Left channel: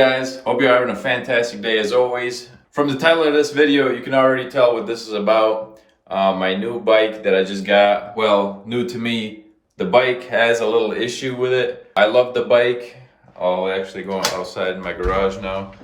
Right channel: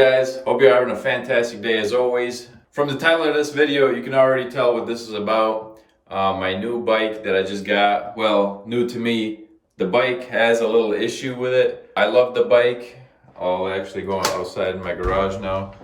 guys? Hope you're having a fantastic day as always. From the title of this video, you can already tell what this is about. My new bike that I just got, well, new to me. The bike has a little issue with it. I love the bike. I'll actually go outside in my garage now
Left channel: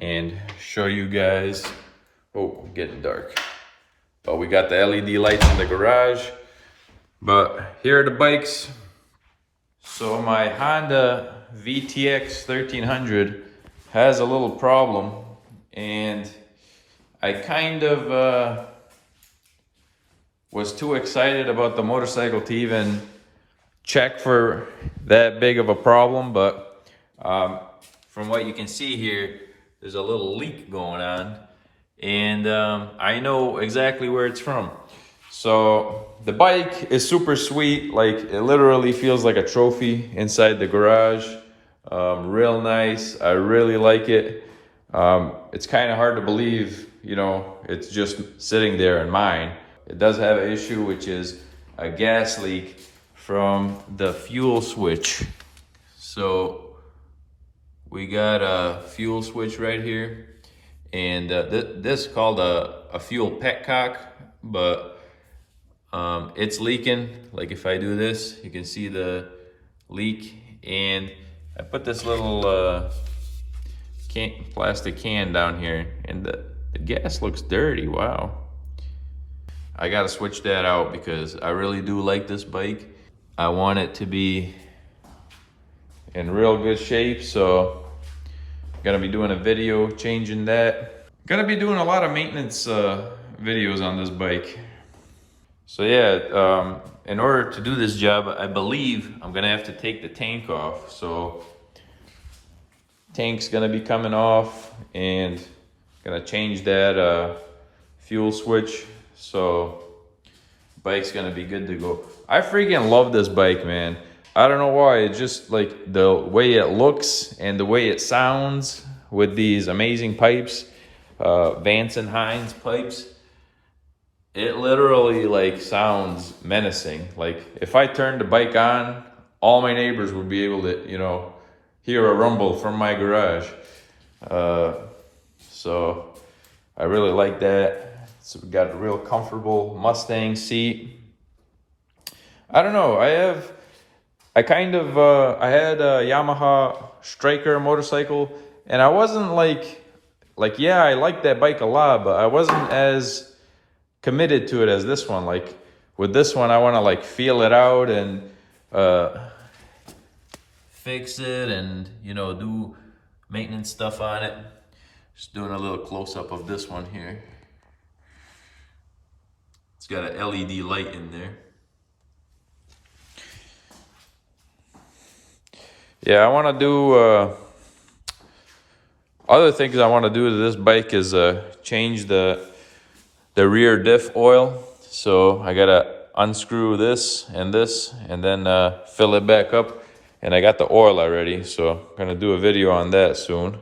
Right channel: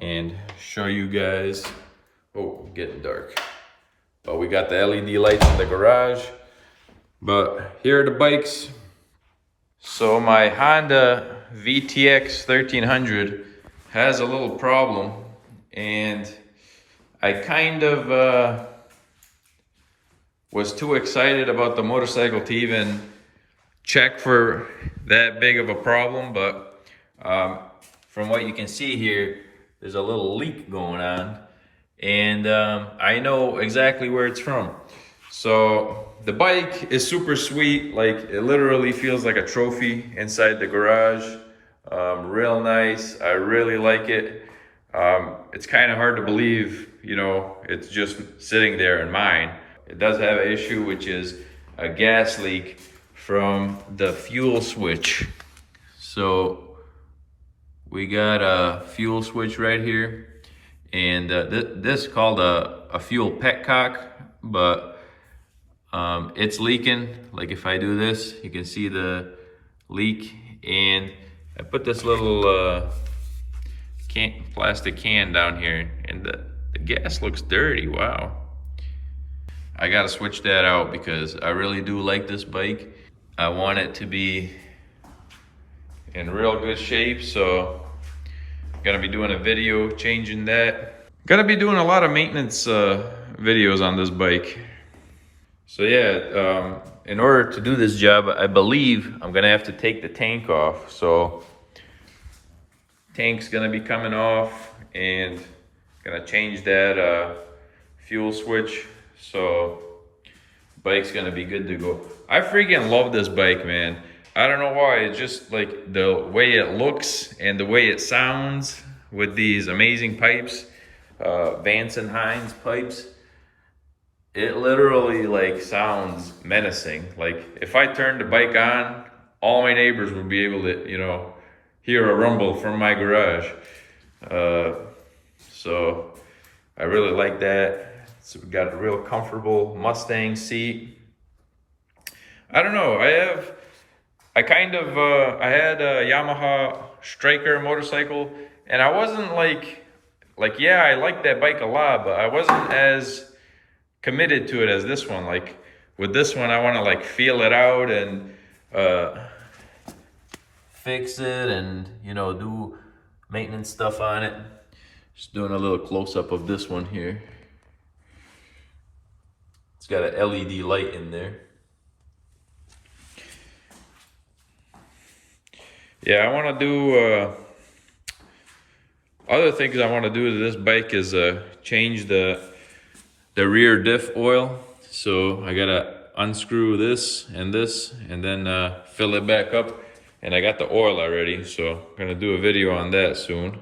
and show you guys. Oh, getting dark. But we got the LED lights in the garage. But here are the bikes. So my Honda VTX1300 has a little problem, and I kind of was too excited about the motorcycle to even check for that big of a problem. But from what you can see here, there's a little leak going on, and I know exactly where it's from. So the bike is super sweet. Like, it literally feels like a trophy inside the garage. Real nice. I really like it. It's kind of hard to believe, you know, it's just sitting there in mine. It does have an issue, which is a gas leak from the fuel switch. So we got a fuel switch right here, and this is called a fuel petcock, but it's leaking. Like, if I do this, you can see the leak, and I put this little plastic can down here, and the gas looks dirty. Wow. I gotta switch that out because I really do like this bike. I want it to be in real good shape, so I'm gonna be doing a video changing that. Gonna be doing a lot of maintenance videos on this bike. So yeah, in order to do this job, I believe I'm gonna have to take the tank off. So tank's gonna be coming off, and gonna change that fuel switch. So bike's gonna be good to go. I freaking love this bike, man. I don't know why. It's just like the way it looks and the way it sounds with these amazing pipes, Vance and Hines pipes. It literally like sounds menacing. Like, if I turned the bike on, all my neighbors would be able to, you know, hear a rumble from my garage. So I really like that. So we got a real comfortable Mustang seat. I don't know. I had a Yamaha Striker motorcycle, and I wasn't like yeah, I like that bike a lot, but I wasn't as committed to it as this one. Like, with this one, I want to like feel it out and fix it, and, you know, do maintenance stuff on it. Just doing a little close-up of this one here. It's got an LED light in there. Yeah, I want to do other things I want to do to this bike is change the rear diff oil. So I gotta unscrew this, and then fill it back up. And I got the oil already, so I'm gonna do a video on that soon.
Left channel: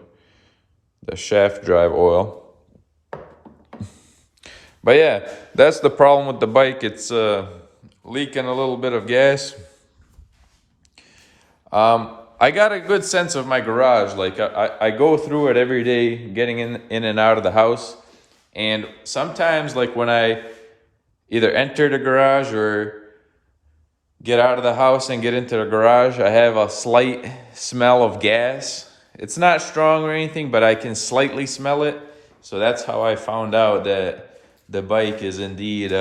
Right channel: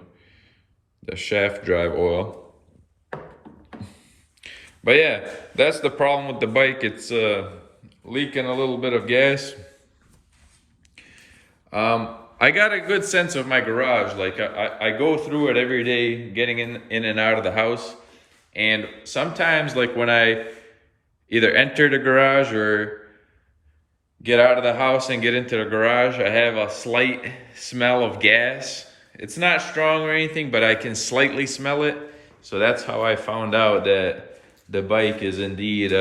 The shaft drive oil. But yeah, that's the problem with the bike. It's leaking a little bit of gas. I got a good sense of my garage. Like, I go through it every day, getting in and out of the house. And sometimes, like, when I either enter the garage or get out of the house and get into the garage, I have a slight smell of gas. It's not strong or anything, but I can slightly smell it. So that's how I found out that the bike is indeed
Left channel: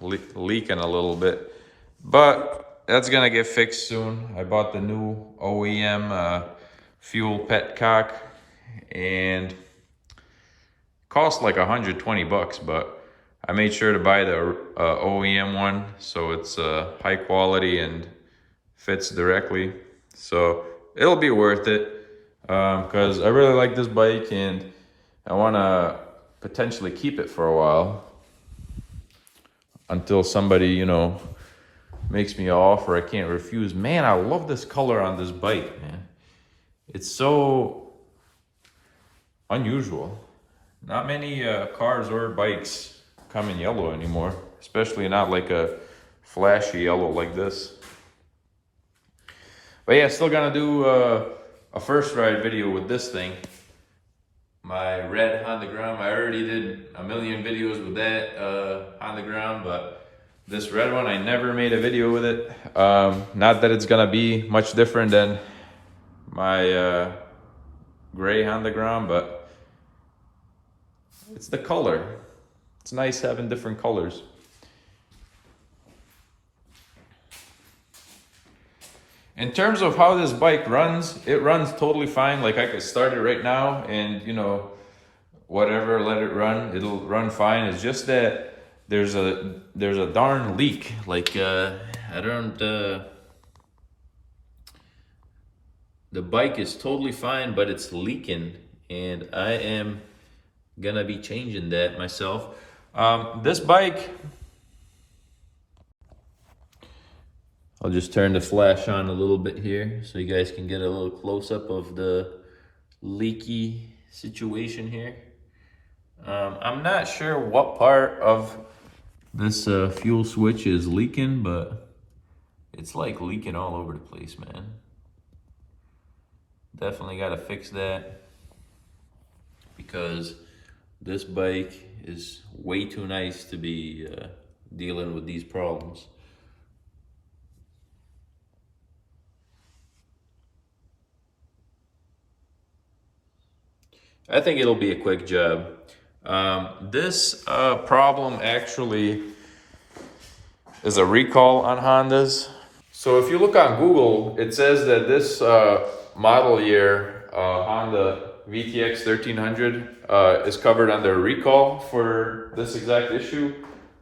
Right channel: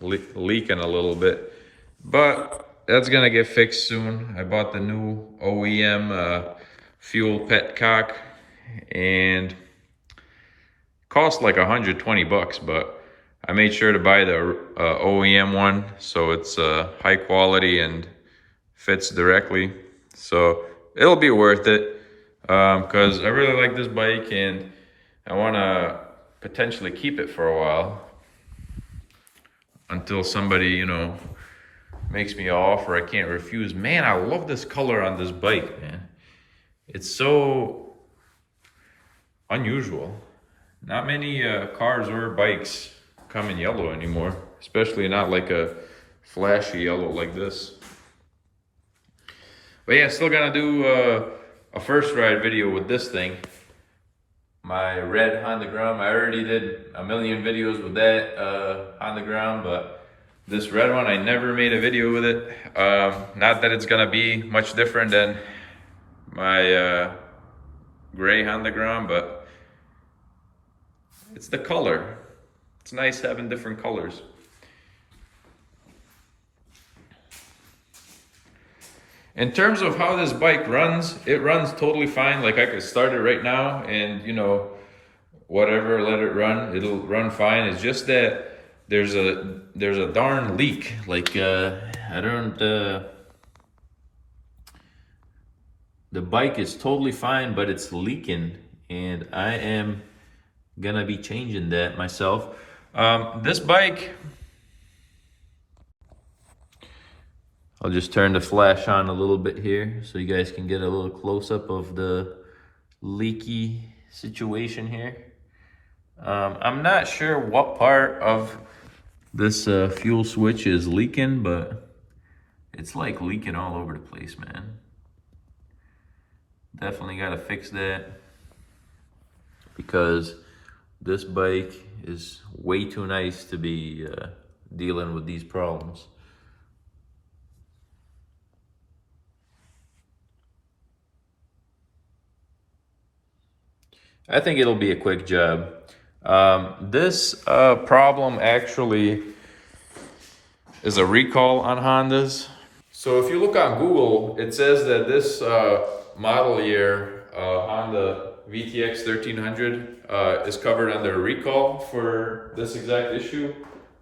leaking a little bit. But that's gonna get fixed soon. I bought the new OEM fuel petcock, and cost like 120 bucks, but I made sure to buy the OEM one, so it's high quality and fits directly. So it'll be worth it, because I really like this bike, and I want to potentially keep it for a while until somebody, you know, makes me an offer I can't refuse. Man, I love this color on this bike, man. It's so unusual. Not many cars or bikes come in yellow anymore, especially not like a flashy yellow like this. But yeah, still gonna do a first ride video with this thing. My red Honda Gram. I already did a million videos with that Honda Gram, but this red one, I never made a video with it. Not that it's gonna be much different than my gray Honda Gram, but it's the color. It's nice having different colors. In terms of how this bike runs, it runs totally fine. Like I could start it right now and, you know, whatever, let it run. It'll run fine. It's just that there's a darn leak. Like I don't. The bike is totally fine, but it's leaking, and I am gonna be changing that myself. This bike, I'll just turn the flash on a little bit here so you guys can get a little close-up of the leaky situation here. I'm not sure what part of this fuel switch is leaking, but it's like leaking all over the place, man. Definitely got to fix that because this bike is way too nice to be dealing with these problems. I think it'll be a quick job. This problem actually is a recall on Hondas. So if you look on Google, it says that this model year Honda VTX1300 is covered under a recall for this exact issue.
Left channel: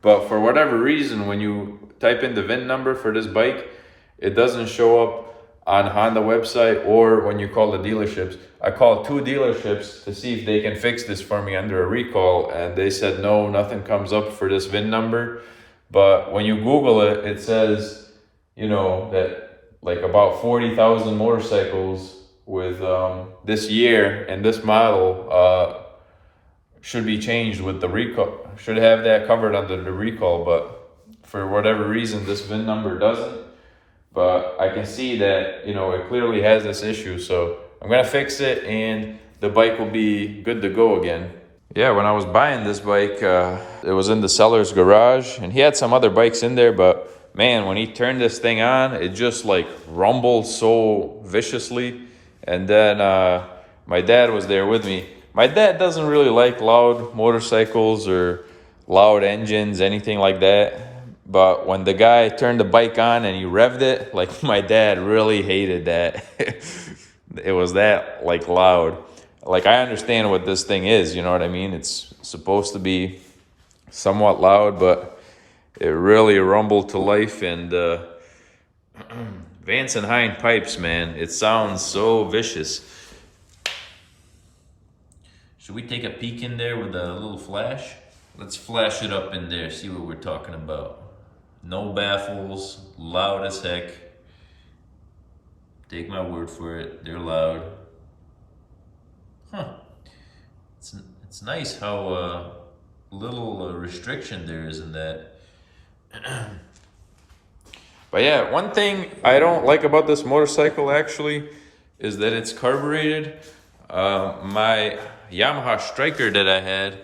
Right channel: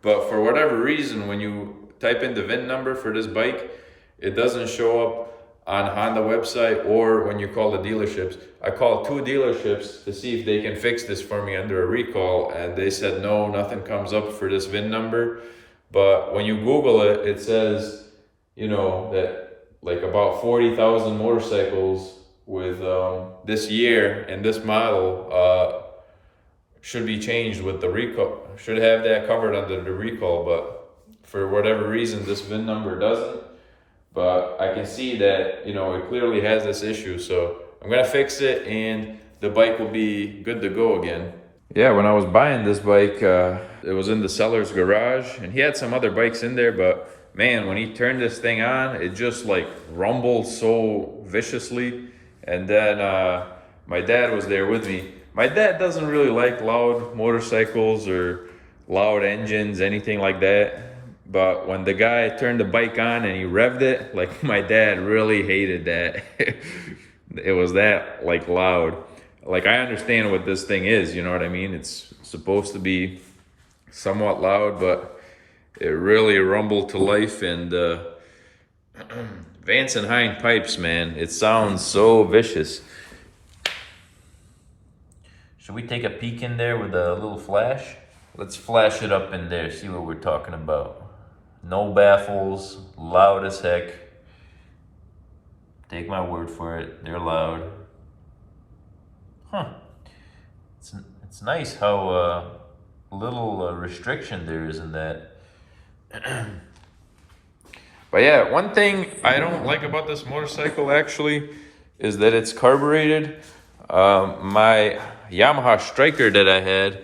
But for whatever reason, when you type in the VIN number for this bike, it doesn't show up on Honda website or when you call the dealerships. I called 2 dealerships to see if they can fix this for me under a recall, and they said no, nothing comes up for this VIN number. But when you Google it, it says, you know, that like about 40,000 motorcycles with this year and this model should be changed with the recall, should have that covered under the recall, but for whatever reason this VIN number doesn't. But I can see that, you know, it clearly has this issue, so I'm gonna fix it and the bike will be good to go again. Yeah, when I was buying this bike, it was in the seller's garage, and he had some other bikes in there, but man, when he turned this thing on, it just like rumbled so viciously. And then my dad was there with me. My dad doesn't really like loud motorcycles or loud engines, anything like that. But when the guy turned the bike on and he revved it, like my dad really hated that. It was that like loud. Like I understand what this thing is, you know what I mean? It's supposed to be somewhat loud, but it really rumbled to life. And Vance and Hines pipes, man, it sounds so vicious. Should we take a peek in there with a little flash? Let's flash it up in there, see what we're talking about. No baffles, loud as heck. Take my word for it, they're loud. Huh. It's nice how little restriction there is in that. But yeah, one thing I don't like about this motorcycle actually is that it's carbureted. My Yamaha Striker that I had,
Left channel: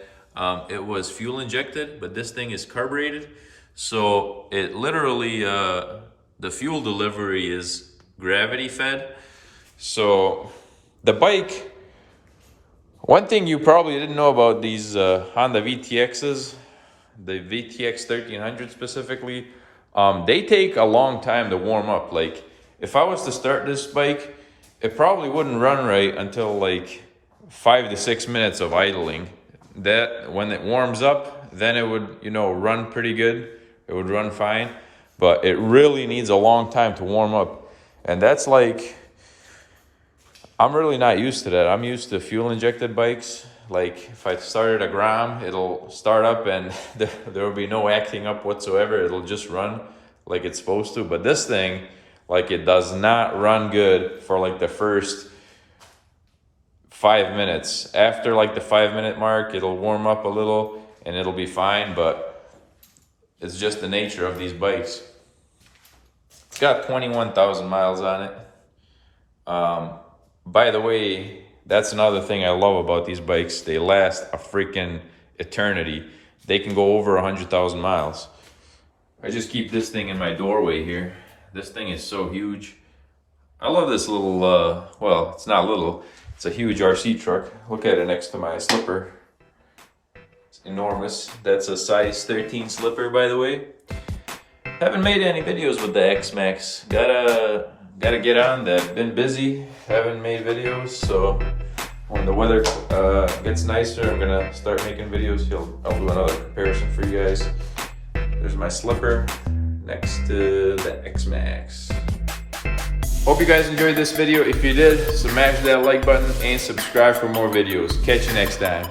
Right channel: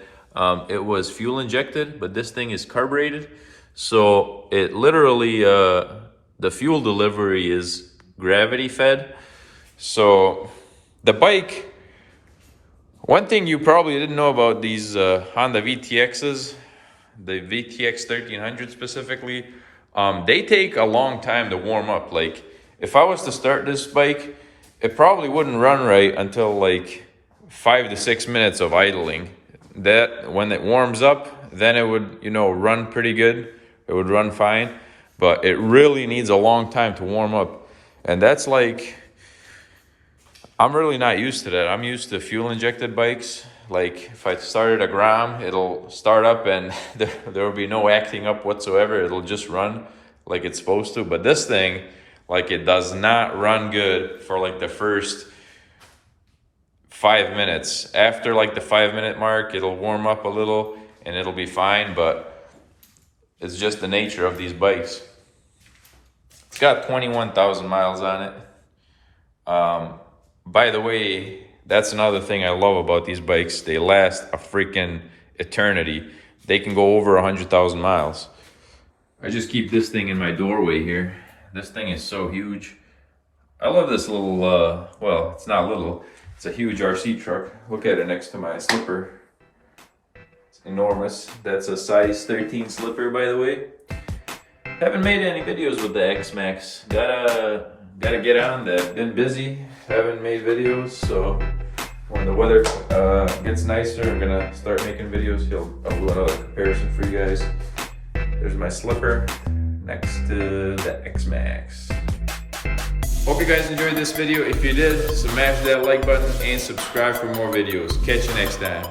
it was fuel injected, but this thing is carbureted. So it literally, the fuel delivery is gravity fed. So the bike, one thing you probably didn't know about these Honda VTXs, the VTX1300 specifically, they take a long time to warm up. Like if I was to start this bike, it probably wouldn't run right until like 5 to 6 minutes of idling. That when it warms up, then it would, you know, run pretty good. It would run fine, but it really needs a long time to warm up. And that's like, I'm really not used to that. I'm used to fuel injected bikes. Like if I started a Gram, it'll start up and there will be no acting up whatsoever. It'll just run like it's supposed to. But this thing, like it does not run good for like the first 5 minutes. After like the 5-minute mark, it'll warm up a little and it'll be fine, but it's just the nature of these bikes. It's got 21,000 miles on it. By the way, that's another thing I love about these bikes. They last a freaking eternity. They can go over 100,000 miles. I just keep this thing in my doorway here. This thing is so huge. I love this little, well, it's not little. It's a huge RC truck. Look at it next to my slipper. It's enormous. That's a size 13 slipper, by the way. Haven't made any videos with the X-Max. Gotta get on that. Been busy. Haven't made videos, so when the weather gets nicer, I'm gonna start making videos. I'll do another comparison for you guys. There's my slipper next to the X-Max. Hope you guys enjoyed this video. If you did, smash that like button and subscribe for more videos. Catch you next time.